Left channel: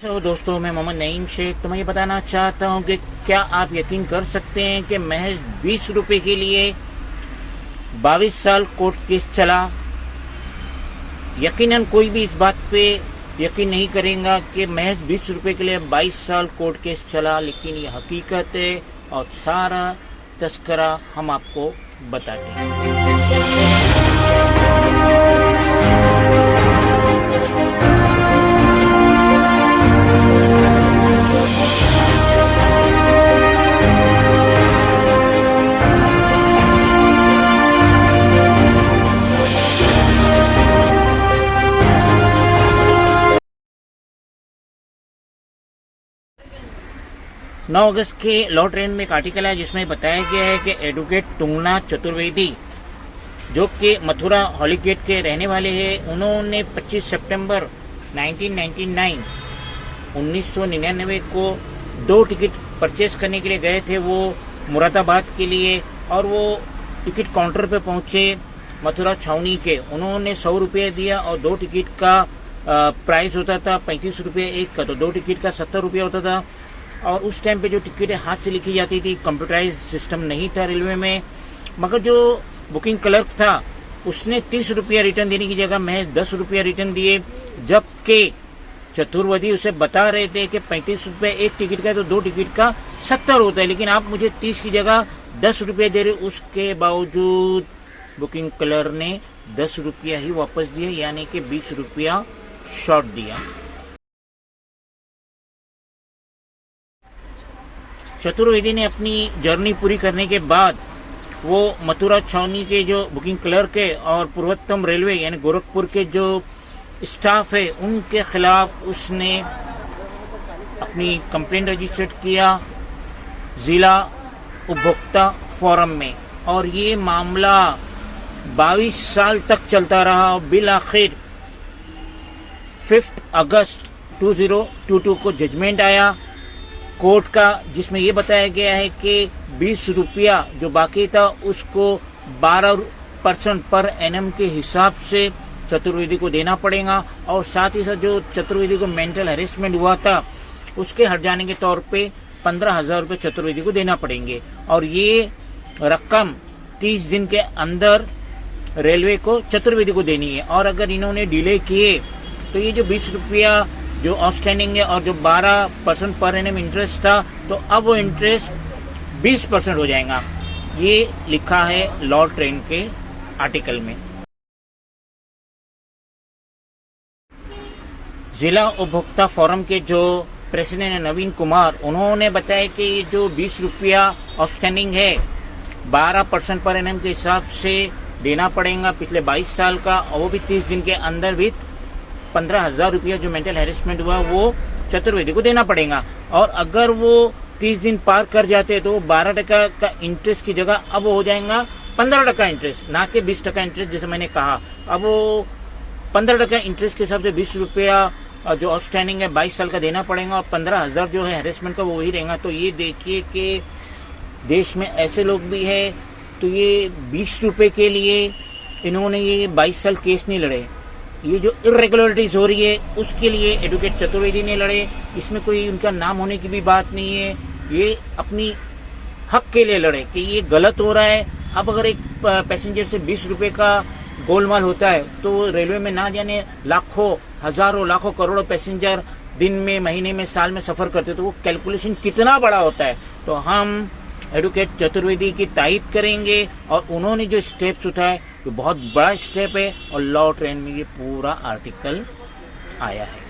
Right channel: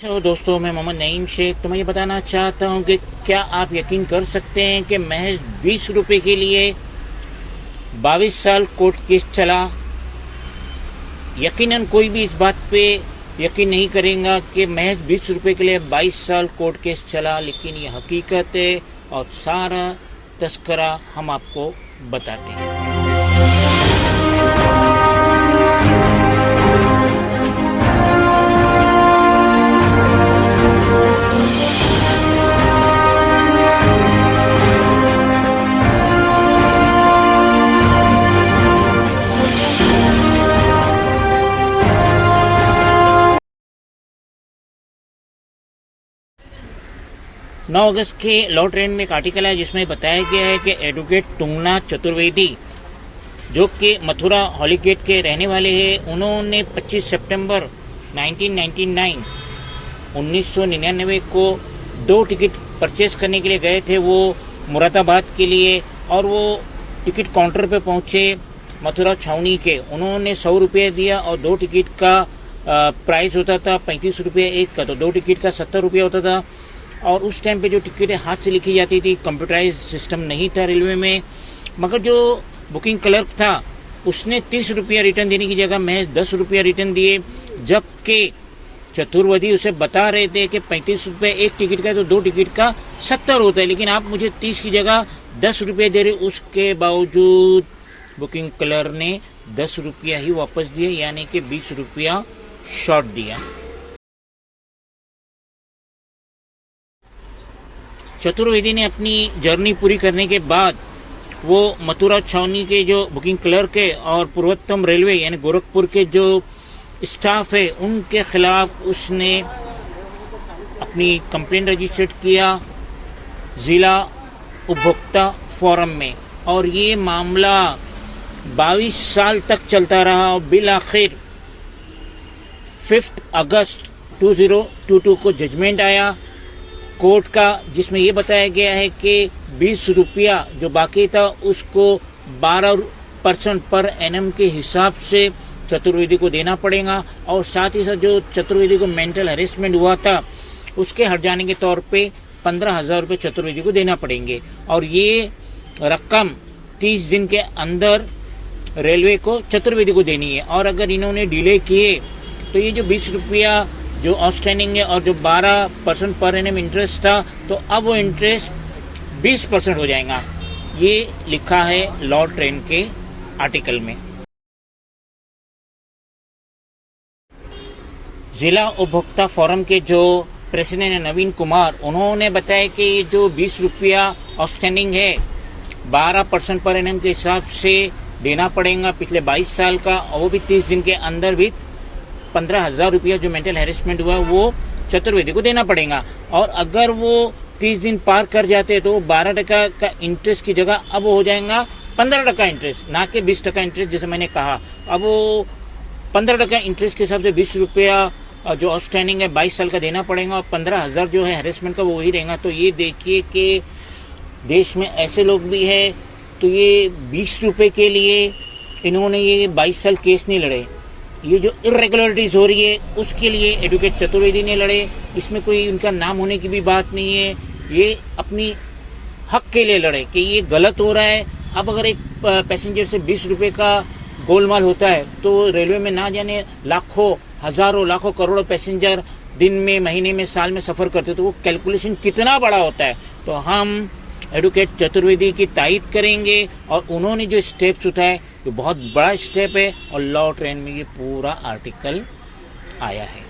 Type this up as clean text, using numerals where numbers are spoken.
तो दोस्तों, मैं मोहम्मद नईम शेख। तो मैं ये बताना चाहता हूँ कि क्या आप यकीन कर सकते हैं कि महज 20 रुपए के लिए 22 साल कोर्ट केस चला। यकीनन कोई भी इस बात पे यकीन नहीं करेगा कि महज 20 रुपए के लिए 22 साल कोर्ट केस चला, लेकिन ये हकीकत है और सारा तस्करा हम आपको बताते हैं। 9 अगस्त के लॉ ट्रेंड में एक आर्टिकल है जिसमें बताया गया है कि एडवोकेट तुंगनाथ चतुर्वेदी, जो कि मथुरा हॉलीगेट के रहने वाले हैं, उन्होंने 25 सितंबर 1999 को 2 टिकट परचेस करने के लिए गए थे, वो मुरादाबाद के लिए। और वो टिकट काउंटर पे पहुंचे मथुरा छावनी के। उन्होंने 100 रुपये दिया और 2 टिकट का प्राइस होता था 35 रुपये एक का, तो 2 टिकट का 70 रुपये होता था। और उस टाइम पे जो टिकटें हाथ से लिखी जाती थी, कंप्यूटराइज सिस्टम नहीं था रेलवे में, मगर जो बुकिंग क्लर्क था उसने 30 रुपया रिटर्न देने की जगह महज 10 रुपया रिटर्न दिए, जबकि चतुर्वेदी उसे बता रहे थे कि 35 रुपये एक टिकट का है तो 2 टिकट का 70 होता है, लेकिन आप मुझे 30 की जगह 10 रुपये दे रहे। उसके बावजूद बुकिंग क्लर्क ने 10 रुपया ही वापस दिए, यानी कि 20 रुपया शॉर्ट दिया। चतुर्वेदी ने अपनी जर्नी पूरी करने के बाद वो मथुरा छावनी के जो बुकिंग क्लर्क है और पूर्वोत्तम रेलवे यानी गोरखपुर के जो स्टाफ है उनके खिलाफ उसने अपनी कंप्लेंट रजिस्टर्ड किया जिला उपभोक्ता फोरम में, और ये मामला 22 साल तक चलता रहा। बिल आखिर 5 अगस्त 2022 को जजमेंट आया कोर्ट का, जिसमें यह बताया गया है कि 20 रुपया जो बाकी था उसको 12% पर एनम के हिसाब से चतुर्वेदी को देना पड़ेगा, और साथ ही साथ जो चतुर्वेदी को मेंटल हरेसमेंट हुआ था उसके हट जाने के तौर पे 15,000 रुपये चतुर्वेदी को देना पड़ेंगे। और ये रकम 30 दिन के अंदर रेलवे को चतुर्वेदी को देनी है, और अगर इन्होंने डिले किए तो ये जो 20 रुपया जो आउटस्टैंडिंग है और जो 12% पर एनम इंटरेस्ट था, तो अब वो इंटरेस्ट 20% हो जाएगा। ये लिखा है लॉ ट्रेंड के आर्टिकल में। जिला उपभोक्ता फोरम के जो प्रेसिडेंट है नवीन कुमार, उन्होंने बताया कि ये जो 20 रुपया आउटस्टैंडिंग है 12% पर एनम के हिसाब से देना पड़ेगा पिछले 22 साल का, और वो भी 30 दिन के अंदर भी 15,000 रुपया जो मेंटल हैरेसमेंट हुआ वो चतुर्वेदी को देना पड़ेगा। और अगर वो 30 दिन पार कर जाते तो 12% का इंटरेस्ट की जगह अब हो जाएगा 15% इंटरेस्ट, ना कि 20% इंटरेस्ट जैसे मैंने कहा। अब वो 15% इंटरेस्ट के हिसाब से 20 रुपया जो आउटस्टैंडिंग है 22 साल का देना पड़ेगा, और 15,000 जो है हैरेसमेंट का वो वही रहेगा। तो ये देखिए कि देश में ऐसे लोग भी है, तो ये 20 रुपये के लिए इन्होंने ये 22 साल केस नहीं लड़े। ये जो इरेगुलरिटीज हो रही है उसके लिए एडवोकेट चतुर्वेदी ने लड़े, इसमें कोई उनका नाम होने की भी बात नहीं है। ये अपनी हक के लिए लड़े कि ये गलत हो रहा है। अब अगर एक पैसेंजर से 20 रुपये का गोलमाल होता है तो रेलवे में ना जाने लाखों हजारों लाखों करोड़ों पैसेंजर दिन में, महीने में, साल में सफर करते, तो वो कैलकुलेशन कितना बड़ा होता है। तो हम एडवोकेट चतुर्वेदी की तारीफ करेंगे, और उन्होंने जो स्टेप्स उठाए ये बहुत बड़ा स्टेप है, और लॉ ट्रेंड में ये पूरा आर्टिकल आया है।